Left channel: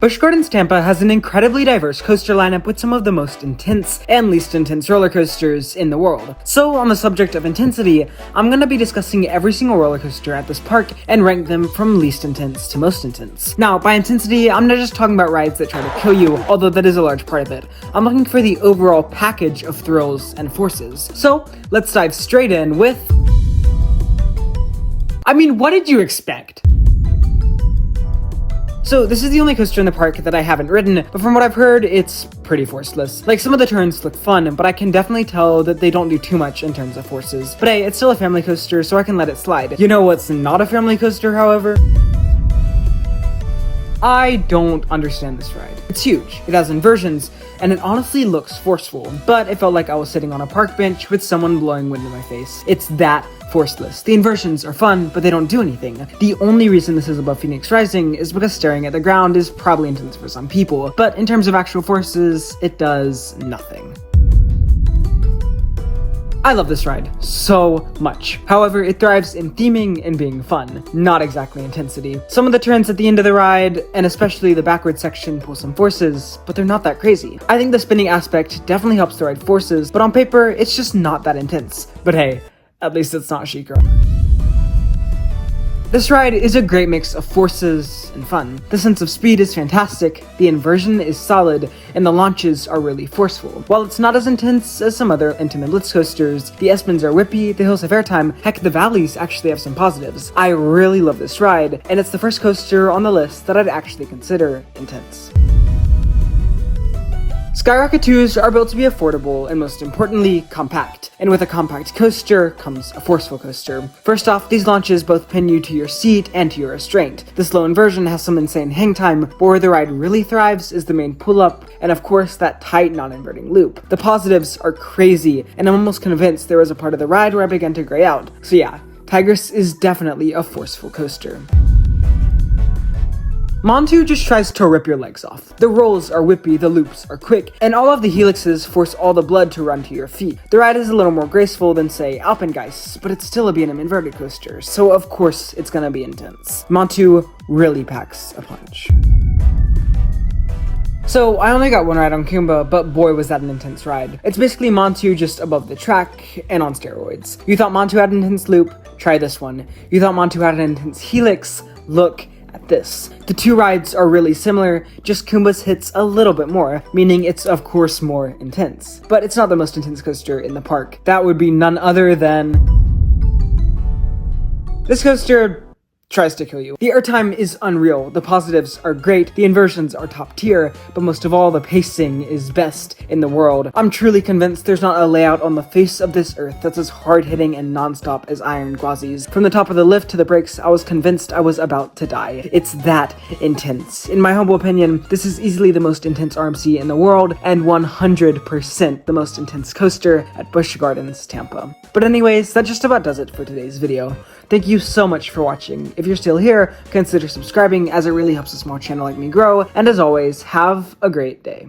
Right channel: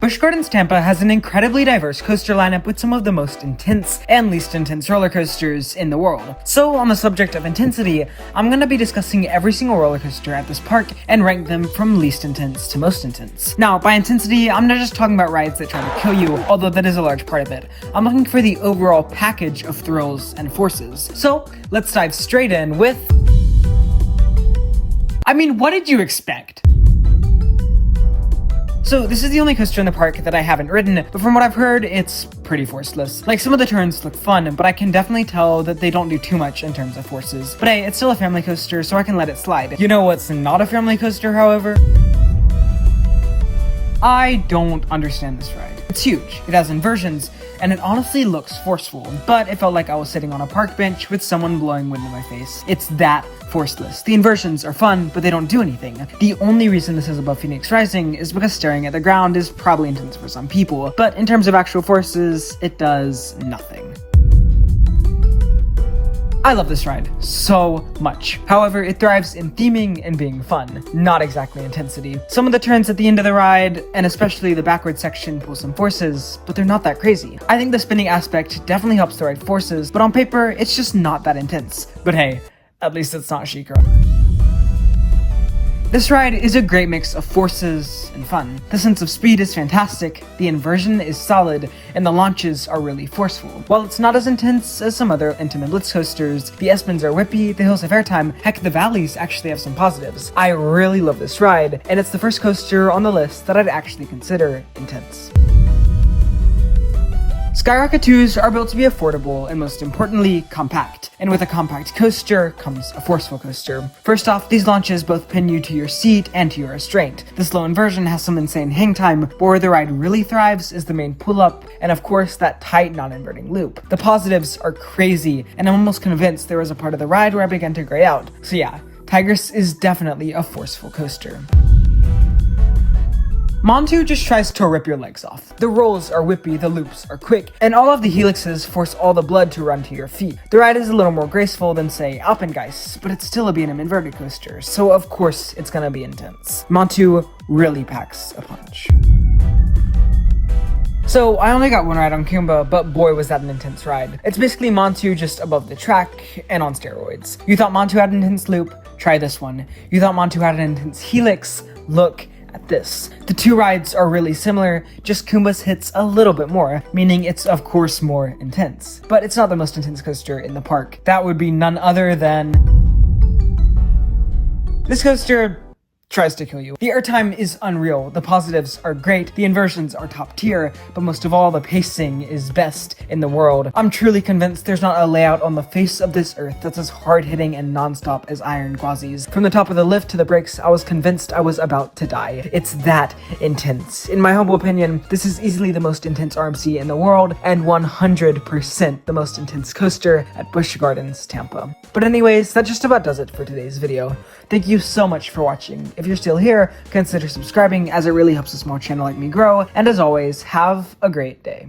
Busch Gardens Tampa has an incredibly diverse coaster lineup with some of the most intense and least intense roller coasters in the world. So on the subject of intensity, I'm going to be discussing every single roller coaster at this park and rank them from least intense to most intense. Now, by intensity, I'm not just talking about rides that try to kill you, although that is a large part of it. I'm looking for the overall package of thrills and forces. So let's dive straight in with... what did you expect? So this is the only coaster in the park that I haven't ridden, but from what I've heard, it's pretty forceless. Like, some of the turns look fun, but I can definitely tell that they don't do too much in terms of forces. But hey, it's still a family coaster, so I can let it slide. You know what's not a family coaster, however? I don't understand this ride. It's huge, it has inversions, and it honestly looks forceful, but it felt like I was sitting on a park bench with someone blowing wind in my face. It's that forceless. The inversions are fun, but they don't do anything. The only reason this is above Phoenix Rising is because staring at the ground is probably intense for some people, but in terms of actual forces, it does nothing. I love this ride so much. However, it thrives in theming and being fun, not exactly intensity. Some of the turns at the end of the ride, and especially the backward section, pull some forces, but they're not that crazy. I think the spinning aspect definitely helps the ride forces, but on paper, it's just not that intense. But hey, at least it's not Sheikah. This ride is a great mix of forces and fun. The sense of speed is fantastic, the inversion is solid, and the launches are really forceful. While it's not as intense as some other intimate blitz coasters, the S-bends are whippy, the hills have airtime, heck, the valleys actually have some positives. I really love this ride, and it's the first coaster on the list that I'd actually consider intense. Skyrocket 2s are built to be affordable and, most importantly, compact. And with a compact coaster comes a forceful coaster. First off, these launches both pin you to your seat and to your restraint. The slow inversion has some insane hang time, but where the ride really thrives is the main pull-up, and of course that tight non-inverting loop. The positives are crazy, and I'm almost convinced there was a part of the ride where I began to gray out. So yeah, Tigress is definitely a forceful coaster. Montu just tries to rip your legs off. The rolls are whippy, the loops are quick, and all of the helixes force all the blood to run to your feet. The ride is a little more graceful than, say, Alpengeist, but it's still a B&M inverted coaster, so of course it's gonna be intense. Montu really packs a punch. So, I only got one ride on Kumba, but boy was that an intense ride. It's basically Montu just above the track, and on steroids. You thought Montu had an intense loop? Try this one. You thought Montu had an intense helix? Look at this. The two rides are really similar, just Kumba's hits a little bit more, meaning it's of course more intense. But it's not the most intense coaster in the park. That would be none other than... this coaster tries to kill you. The airtime is unreal, the positives are great, the inversions are top tier, but most of all, the pacing is best in the world. I'm truly convinced there's not a layout on the face of this earth that's as hard-hitting and non-stop as iron gwazis. From the top of the lift to the brakes, I was convinced I was about to die. It's that intense. In my humble opinion, this is easily the most intense RMC in the world, and 100% the most intense coaster at Busch Gardens Tampa. But anyways, that just about does it for today's video. Thank you so much for watching. If you're still here, consider subscribing as it really helps a small channel like me grow, and as always, have a great day.